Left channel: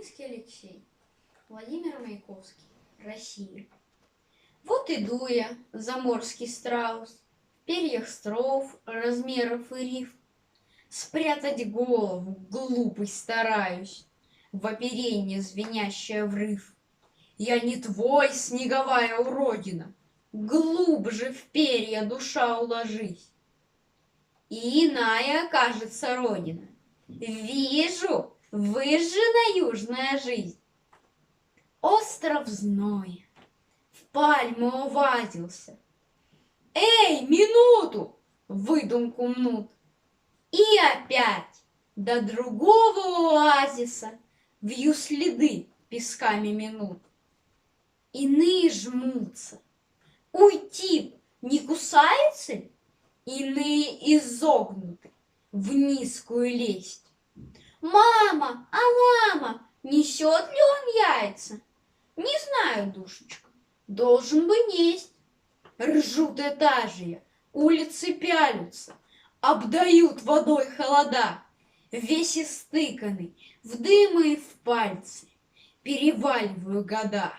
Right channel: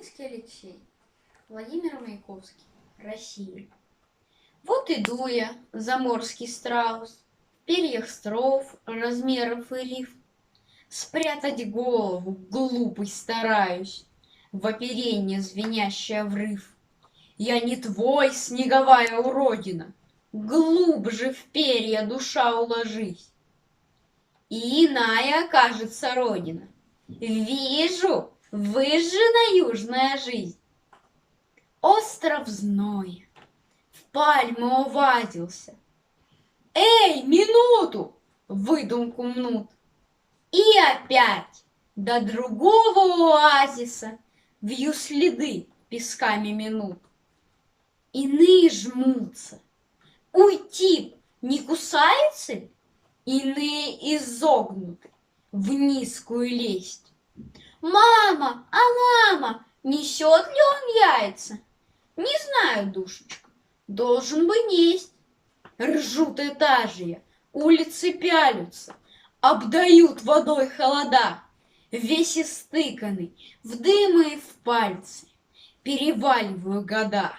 Белинский Алексей, Владимир Маяковский, Россия. Вот иду я, заморский страус, в перьях строф, размеров и риф. Спрятать голову глупый стараюсь, в оперенье звенящее врыв. Я не твой, снеговая уродина, глубже в перья душа уложись. И иная окажется родина. Вижу, выжжена южная жизнь. Остров зной, в пальму увадился. Эй, минуту! Выдумку мнут. И опять до другого оазиса вью следы песками минут. Иные жмутся. Уйти не кусаются ли? Иные изогнуты в низкую лесть. Мама, мама, несет ли он яйца? Не знаю, душечка, должен бы несть. Ржут этажи, улицы пялются, обдают водой холода. Весь истыканный, в дымы и в пальцы, переваливаю года.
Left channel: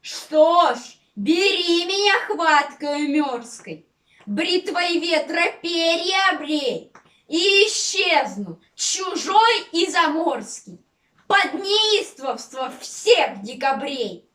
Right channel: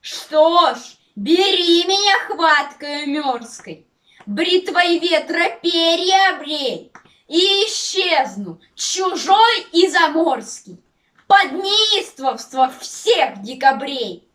Что ж, бери меня хваткою мерзкой, бритвой ветра перья обрей, и исчезну, чужой и заморский, под неистовство всех декабрей.